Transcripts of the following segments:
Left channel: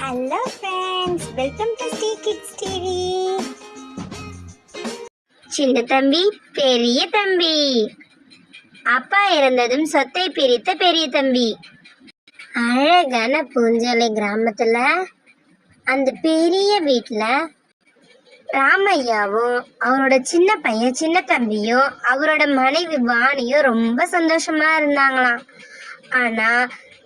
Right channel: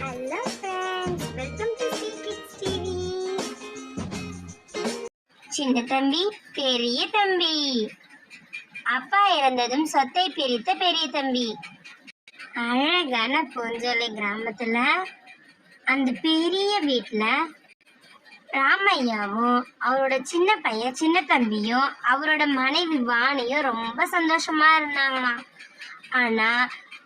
Hello friends, welcome to Sri kids TV. சின்ன தம்பி பெரிய தம்பி, அப்பா இறந்ததும் சொத்தை பிரித்த பெரிய தம்பி. அழகான பூஞ்சோலை கிராமத்துல அந்த பெரிய வீட்டுல ராமையாவும் அவரோட சின்ன பையன் சின்ன தம்பியும் அவரோட மனைவி வாணியும் ரொம்ப சந்தோஷமா இருந்தாங்களாம். ஆனா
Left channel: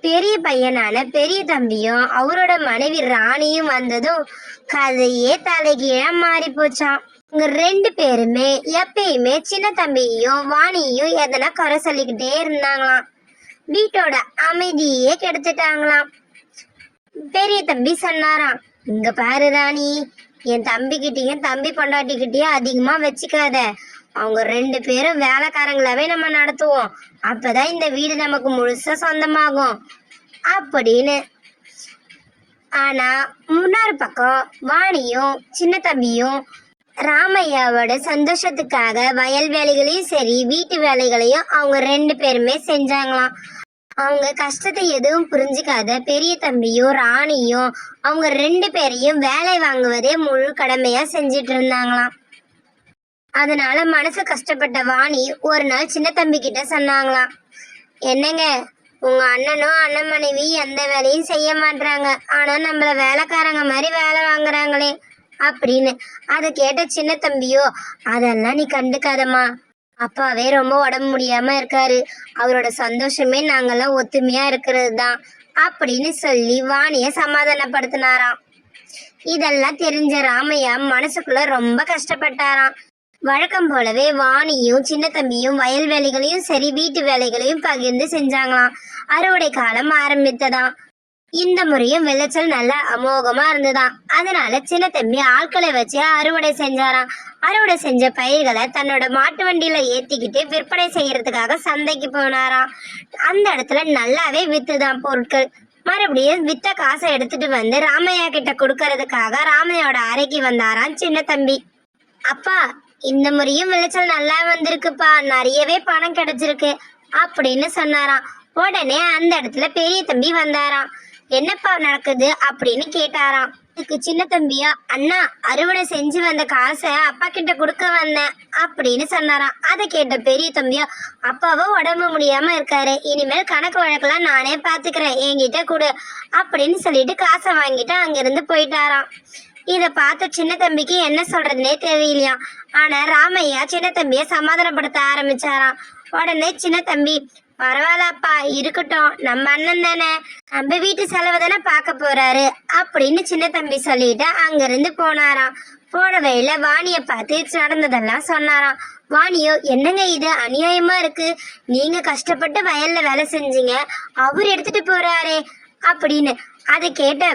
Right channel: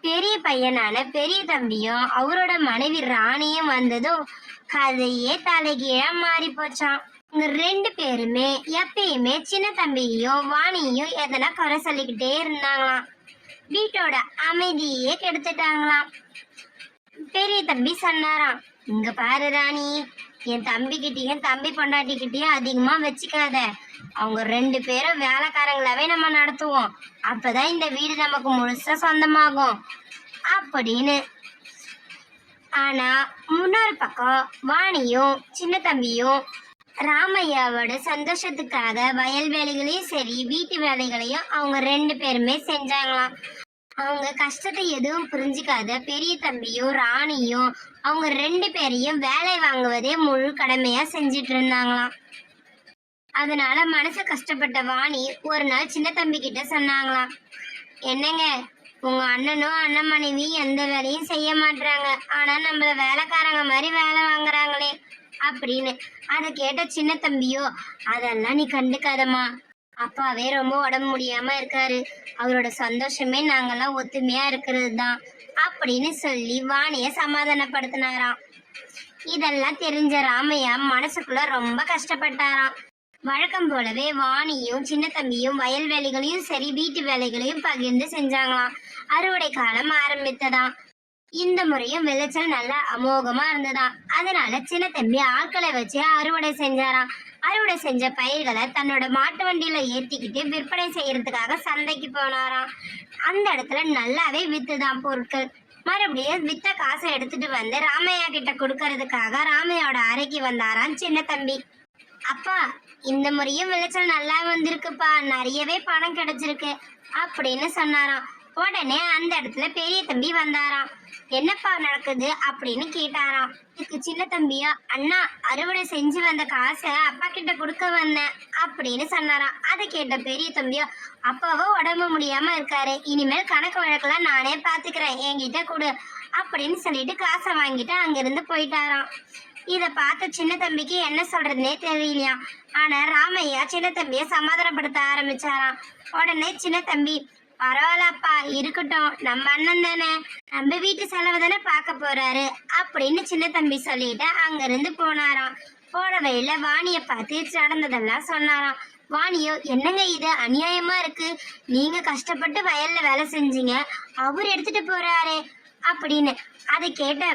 பெரிய பையனான பெரிய தம்பியும் அவரோட மனைவி ராணியும் வந்ததும் கதையே தலைகீழா மாறி போச்சான். இங்க ரெண்டு பேருமே எப்பயுமே சின்ன தம்பியையும் வாணியையும் எதனா குறை சொல்லிக்கிட்டே இருந்தாங்களாம். வீட்டோட அமைதியே கெடுத்துட்டாங்களாம். பெரிய தம்பி சொன்னாராம், இங்க பாரு ராணி, என் தம்பிக்கிட்டையும் தம்பி பொண்டாட்டிக்கிட்டையும் அதிகமா வச்சுக்காத. அவங்க ரெண்டு பேரும் வேலைக்காரங்களாவே நம்ம நடத்துவோம். அப்பதான் இந்த வீடு நமக்கு முழுசா சொந்தமாகும் அப்படின்னு. ஆனா முன்னொரு பக்கம் வாணியும் சின்ன தம்பியும் ராமையாவோட சந்தோஷத்துக்காக வயல் வேலைகளையும் சரி வீட்டு வேலைகளையும் அவங்க ரெண்டு பேருமே செஞ்சாங்களாம். அவங்க கஷ்டத்தை எதுவும் புரிஞ்சுக்காத பெரிய தம்பியும் ராணியும் அவங்க ரெண்டு பேரையும் வேலை வாங்குவதே முழு கடமையா செஞ்சிட்டு இருந்தாங்களாம். அதனால மனசு கஷ்டப்பட்ட வாணி ஒரு நாள் சின்ன தம்பி கிட்ட சொன்னாங்களாம், என்னங்க, உங்க அண்ணனும் அண்ணன் மனைவி எந்த வேலையும் செய்ய மாட்டாங்க, ஆனா நம்மள வேலைக்காரங்க மாதிரி வேலை வாங்குறாங்களே அப்படின்னு. அதை கேட்ட சின்ன தம்பியோ, அதெல்லாம் நீ கண்டுக்காதம்மா, அப்பாவே ரொம்ப உடம்பு முடியாம இருக்காரு, அவரோட சந்தோஷமே நாங்கெல்லாம் ஒத்துமையா இருக்கிறது தான் அப்படின்னு சொல்லி வாணிய சமாதானப்படுத்தினாராம். இதெல்லாம் தெரிஞ்ச ராமையா மனசுக்குள்ள ரொம்ப கஷ்டப்பட்டாராம். வழக்கம் போலவே வாணியும் சின்ன தம்பியும் வயல் வேலைகளையும் சரி வீட்டு வேலைகளையும் பகிர்ந்து செஞ்சாங்களாம். அறுவடை காலம் ஆரம்பித்ததாம். இந்த முறையும் விளைச்சல் நல்லா அமோகமா இருந்ததாம். அதனால சின்ன தம்பி ஆட்களை வச்சு அறுவடை செஞ்சாராம். அறுவடை செஞ்ச பயிர்களை தன்னோட மாட்டு வண்டியில ஏத்திக்கிட்டு விற்பனை செய்யறதுக்காக சந்தைக்கு போனாராம். அந்த இடத்துல நல்லாவே வித்துதான் பொருட்கள். மறுபடியும் வித்த காசை எடுத்துட்டு வந்து ராமையா கிட்ட கொடுக்கறதுக்காக ராமையோட அறைக்கு வந்தாராம் சின்ன தம்பி. அப்பா, இந்த முறையும் விளைச்சல் நல்லா வந்திருக்குப்பா, நிறையவே பணம் கிடைச்சிருக்கு அப்படின்னு சொன்னாராம். உடனே அந்த இடத்துல பெரிய தம்பி வந்தாராம். என்னப்பா நடக்குது அப்படின்னு கேட்டாராம். இதுக்கு சின்ன தம்பியா, அண்ணா, அறுவடை செஞ்சு வந்த காசை அப்பா கிட்ட கொடுக்க வந்தேன் அப்படின்னு சொன்னாராம். அதை கேட்ட பெரிய தம்பியா, அப்பாவும் உடம்பு முடியாம இருக்காரு, இனிமேல் கணக்கு வழக்கெல்லாம் நானே பாத்துக்கிறேன், என்கிட்ட கொடு அப்படின்னு சொல்லிட்டு காசை வாங்கிட்டு அங்கிருந்து போயிட்டாராம். இத பார்த்த சின்ன தம்பிக்கு என்ன சொல்றதுன்னே தெரியலையாம். ஆனா ராமையா சின்ன தம்பிய சமாதானப்படுத்த ஆரம்பிச்சாராம். உடனே சின்ன தம்பி, பரவாயில்லப்பா, இருக்கட்டும், நம்ம அண்ணன் தானே, நம்ம வீட்டு செலவு தானே பார்க்க போறாரு அப்படின்னு சின்ன தம்பி சொல்லிட்டு அங்கிருந்து போனாராம். போன வழியில வாணிய பார்த்து நடந்ததெல்லாம் சொன்னாராம். வாணியோ, என்னங்க இது அநியாயமா இருக்கு, நீங்க கஷ்டப்பட்டு வயல்ல வேலை செஞ்சீங்க, அவர் எடுத்துட்டு போறாரே அப்படின்னு. அதை கேட்ட,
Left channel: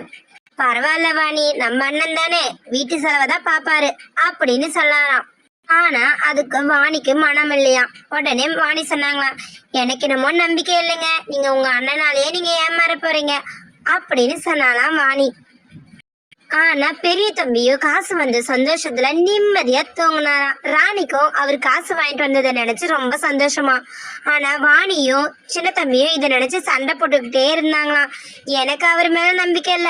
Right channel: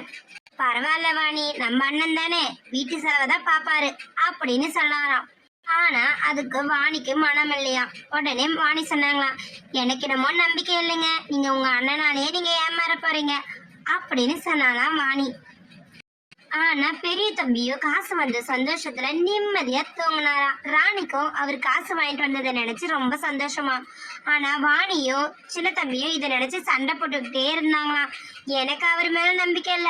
பரவாயில்ல வாணி, நம்ம அண்ணன் தானே, வீட்டு செலவைதான் பாப்பாரு அப்படின்னு சொன்னாராம். ஆனா அதுக்கு வாணிக்கு மனம் இல்லையா. உடனே வாணி சொன்னாங்களாம், எனக்கு என்னமோ நம்பிக்கை இல்லைங்க, நீங்க உங்க அண்ணனாலேயே நீங்க ஏமாற போறீங்க அப்படின்னு சொன்னாலாம் வாணி. ஆனா பெரிய தம்பியோ காசு வந்த சந்தோஷத்துல நிம்மதியா தூங்கினாராம். ராணிக்கும் அவர் காசு வாங்கிட்டு வந்ததை நினைச்சு ரொம்ப சந்தோஷமா. ஆனா வாணியும் சின்ன தம்பியும் இதை நினைச்சு சண்டை போட்டுக்கிட்டே இருந்தாங்களாம். எனக்கு அவர் மேல நம்பிக்கை இல்ல,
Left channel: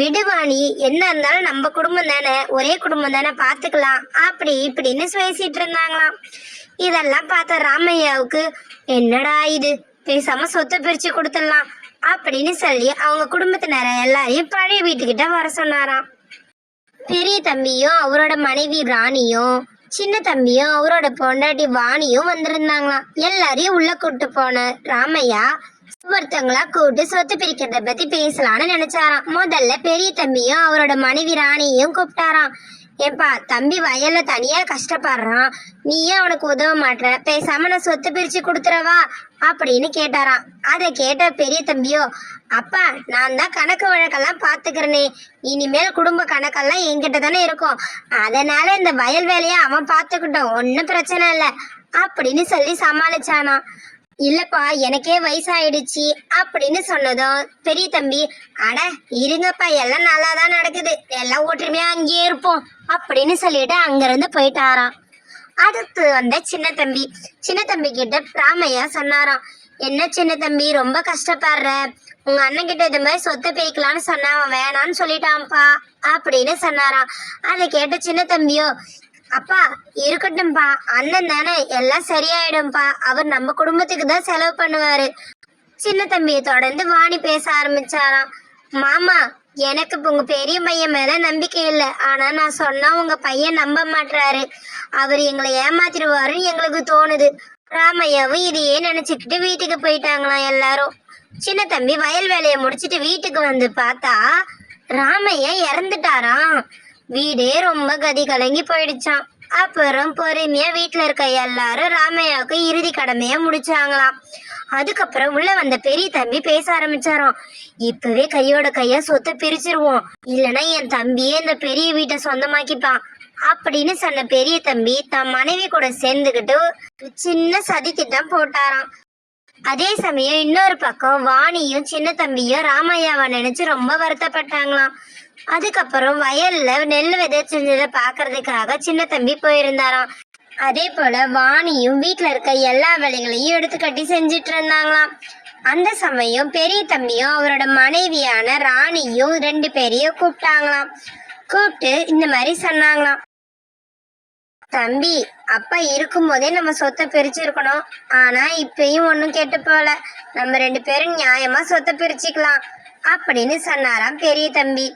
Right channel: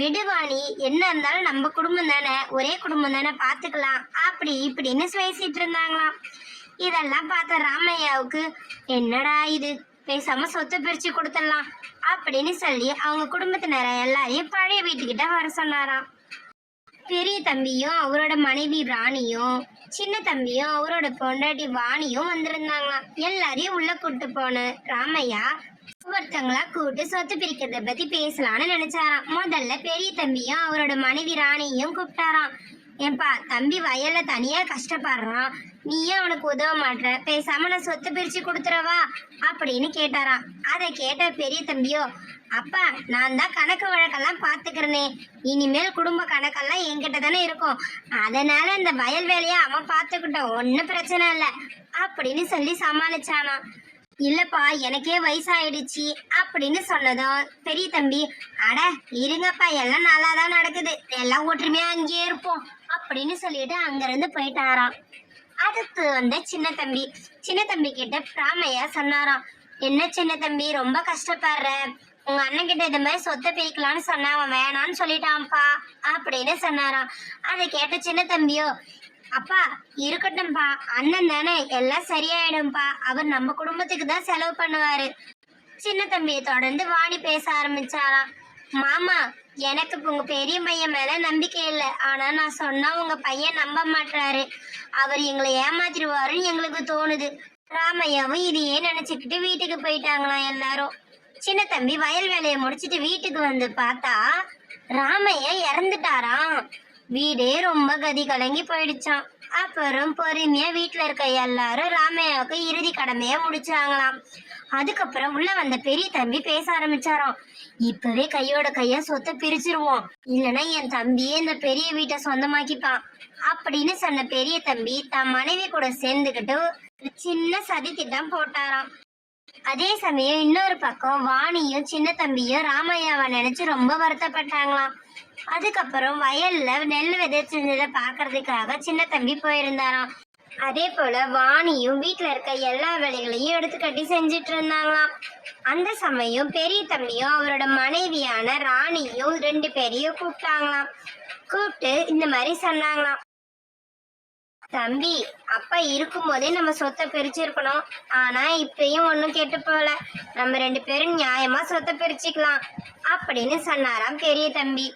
விடு வாணி, என்ன இருந்தாலும் நம்ம குடும்பம் தானே, ஒரே குடும்பம் தானே, பாத்துக்கலாம் அப்படி இப்படின்னு பேசிட்டு இருந்தாங்களாம். இதெல்லாம் பார்த்த ராமையாவுக்கு, என்னடா இது, பேசாம சொத்து பிரிச்சு கொடுத்துடலாம் அப்படின்னு சொல்லி அவங்க குடும்பத்தினர எல்லாரையும் பழைய வீட்டுக்கிட்ட வர சொன்னாராம். பெரிய தம்பியும் அவரோட மனைவி ராணியும் சின்ன தம்பியும் அவரோட பொண்டாட்டி வாணியும் வந்திருந்தாங்களாம். எல்லாரையும் உள்ள கூட்டு போன ராமையா ஒருத்தங்களா கூட்டு சொத்து பிரிக்கிறத பத்தி பேசலான்னு நினைச்சாராம். முதல்ல பெரிய தம்பியும் அவரோட மனைவி ராணியும் கூப்பிட்டாராம். ஏன்பா, தம்பி வயல்ல தனியா கஷ்டப்படுறான், நீயும் அவனுக்கு உதவ மாட்டேற, பேசாம நான் சொத்து பிரிச்சு கொடுத்துறவா அப்படின்னு கேட்டாராம். அதை கேட்ட பெரிய தம்பியோ, அப்பா, நான் தான் கணக்கு வழக்கெல்லாம் பாத்துக்கிறேனே, இனிமேல் குடும்ப கணக்கெல்லாம் என்கிட்ட தானே இருக்கும், அதனால இந்த வயல் வேலையை அவன் பாத்துக்கிட்டோம், ஒன்னும் பிரச்சனை இல்லை அப்படின்னு சொல்லி சமாளிச்சானா. இல்லப்பா, எனக்கே வயசாயிடுச்சு அப்படின்னு சொன்னதும் பெரிய தம்பி, அட இருங்கப்பா, எல்லாம் நல்லா தான் நடக்குது, எல்லாம் ஒற்றுமையா அங்கேயே இருப்போம் அப்படின்னு சொல்லிட்டு அங்கிருந்து போயிட்டாராம். அடுத்து வந்த சின்ன தம்பி கிட்ட ராமையா சொன்னாராம், என்ன சின்ன தம்பி, ரொம்ப கஷ்டப்படுற, உங்க அண்ணன் கிட்ட இந்த மாதிரி சொத்தை பிரிக்கலான்னு சொன்னா அவன் வேணான்னு சொல்லிட்டான்ப்பா அப்படின்னு சொன்னாராம். அதை கேட்ட சின்ன தம்பியோ, அப்பா இருக்கட்டும்பா, அண்ணன் தானே, எல்லாம் சரியாயிடும்பா, அவர் நம்ம குடும்பத்துக்கு தான் செலவு பண்ணுவாரு. சின்ன தம்பியை தொடர்ந்து வாணி பேச ஆரம்பிச்சாராம். மாமா, எனக்கு உங்க பெரிய பையன் மேல நம்பிக்கை இல்லை, ஆனா நான் சொன்னா உங்க பையன் நம்ப மாட்டாரு, அவர் எங்களை ஏமாத்திடுவாருன்னு எங்களுக்கு தோணுது. ராமையாவும் இதையே நினைச்சுக்கிட்டு வீட்டுக்கு போயிட்டாங்களாம் எல்லாரும். சின்ன தம்பி வயல் வேலையை முடிச்சிட்டு வீட்டுக்கு வந்து பார்த்தா ராமையா இறந்துட்டாராம். வீடே ரொம்ப கதி கலங்கி போயிடுச்சான். அப்புறம் பொறுமையா வீட்டுல இருக்க எல்லாரும் ராமையாவுக்கு இறுதி கடமையா முடிச்சாங்களாம். அதுக்கப்புறம் உள்ள வந்த பெரிய தம்பி பேச ஆரம்பிச்சாராம். இப்பவே கையோட கையா சொத்தை பிரிச்சிருவோம், இல்லைன்னா என் தம்பியே இந்த பெரிய வீட்டை சொந்தமாக்கிப்பான் அப்படின்னு சொன்ன பெரிய தம்பி தன் மனைவி கூட சேர்ந்துக்கிட்டு சின்ன சதி திட்டம் போட்டாராம். அதே சமயம் இன்னொரு பக்கம் வாணியும் சின்ன தம்பியும் ராமையாவை நினைச்சு ரொம்ப வருத்தப்பட்டாங்களாம். அதுக்கப்புறம் வயல்ல நெல் விதைச்சதை பாக்குறதுக்காக சின்ன தம்பி போயிருந்தாராம். அதே போல வாணியும் வீட்டுல இருக்க எல்லா வேலைகளையும் எடுத்து கட்டி செஞ்சிட்டு இருந்தாங்களாம். அந்த சமயம் பெரிய தம்பியும் அவரோட மனைவியான ராணியும் 2 பேரையும் கூப்பிட்டாங்களாம். கூப்பிட்டு இந்த மாதிரி சொன்னாங்களாம். தம்பி, அப்பா இருக்கும் போதே நம்ம சொத்தை பிரிச்சிருக்கணும், ஆனா இப்பயும் ஒன்னும் கெட்டு போல, நம்ம 2 பேரும் நியாயமா சொத்தை பிரிச்சுக்கலாம் அப்படின்னு சொன்னாராம் பெரிய தம்பி.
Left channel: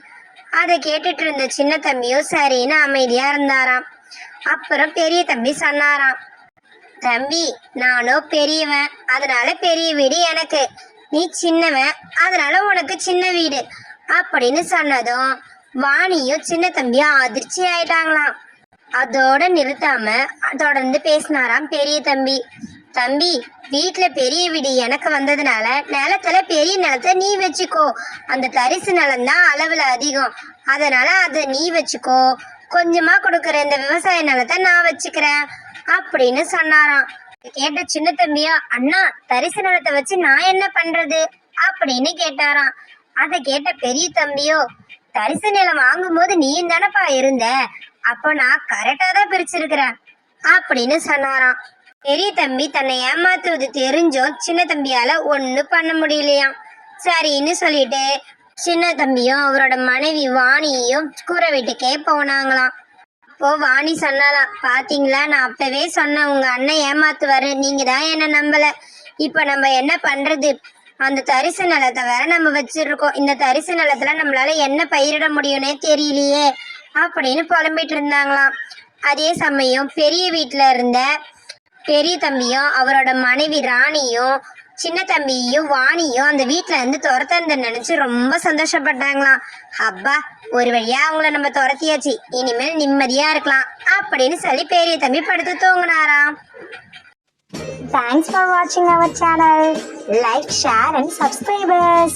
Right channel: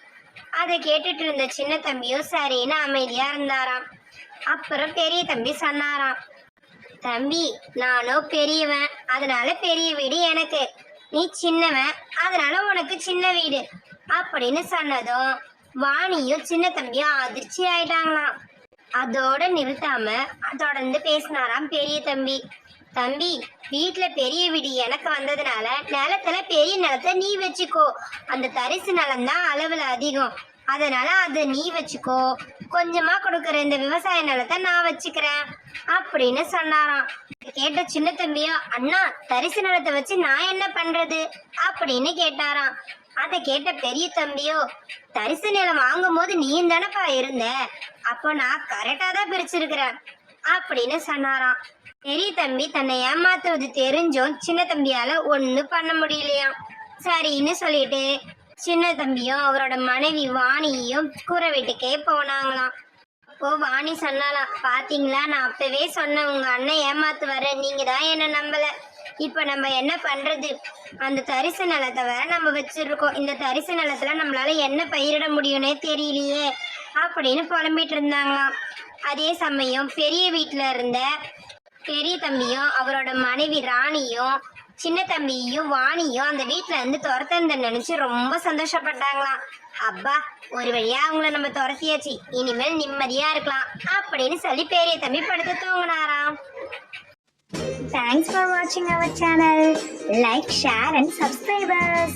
அதை கேட்டுட்டு இருந்த சின்ன தம்பியும் சரின்னு அமைதியா இருந்தாராம். அப்புறம் பெரிய தம்பி சொன்னாராம், தம்பி, நானும் பெரியவன், அதனால பெரிய வீடு எனக்கு, நீ சின்னவன், அதனால உனக்கு சின்ன வீடு அப்படின்னு சொன்னதும் வாணியும் சின்ன தம்பியும் அதிர்ச்சி ஆயிட்டாங்களாம். அதோட நிறுத்தாம தொடர்ந்து பேசினாராம் பெரிய தம்பி. தம்பி, வீட்டுல பெரிய வீடு எனக்கு வந்ததுனால நிலத்துல பெரிய நிலத்தை நீ வச்சுக்கோ, அந்த தரிசு நிலம் தான் அளவுல அதிகம், அதனால அதை நீ வச்சுக்கோ, கொஞ்சமா கொடுக்குற இந்த விவசாய நிலத்தை நான் வச்சுக்கிறேன் அப்படின்னு சொன்னாராம். கேட்ட சின்ன தம்பியா, அண்ணா தரிசு நிலத்தை வச்சு நான் என்ன பண்றது அப்படின்னு கேட்டாராம். அதை கேட்ட பெரிய தம்பியோ, தரிசு நிலம் வாங்கும் போது நீயும் தானப்பா இருந்த, அப்போ நான் கரெக்டா தான் பிரிச்சிருக்கிறேன் அப்படின்னு சொன்னாராம். பெரிய தம்பி தன்னை ஏமாத்துவது தெரிஞ்சும் சின்ன தம்பியால ஒன்னும் பண்ண முடியலையாம். சரின்னு சொல்லிட்டு சின்ன தம்பியும் அவரோட மனைவி வாணியும் கூரை வீட்டுக்கே போனாங்களாம். அப்போ வாணி சொன்னாலாம், பாத்தீங்களா, நான் அப்பவே சொன்னேன் உங்க அண்ணன் ஏமாத்துவாரு, நீங்க தான் என்ன நம்பல, இப்ப நம்ம என்ன பண்றது, அந்த தரிசு நிலத்தை வேற நம்ம வச்சிருக்கோம், இந்த தரிசு நிலத்துல நம்மளால என்ன பயிரிட முடியும்னே தெரியலையே அப்படின்னு புலம்பிட்டு இருந்தாங்களாம். அதே சமயம் பெரிய வீட்டுல இருந்த பெரிய தம்பியும் அவரோட மனைவி ராணியும் சின்ன தம்பியும் வாணியும் அந்த வீட்டுல இருந்து துரத்த நினைச்சு ரொம்ப சந்தோஷப்பட்டாங்களாம். அப்பா, ஒரு வழியா அவங்கள நம்ம துரத்தியாச்சு, இனிமேல் நிம்மதியா இருக்கலாம் அப்படின்னு சொல்லி பெரிய தம்பி படுத்து தூங்கினாராம். Thanks for watching our channel. Like, share and subscribe us.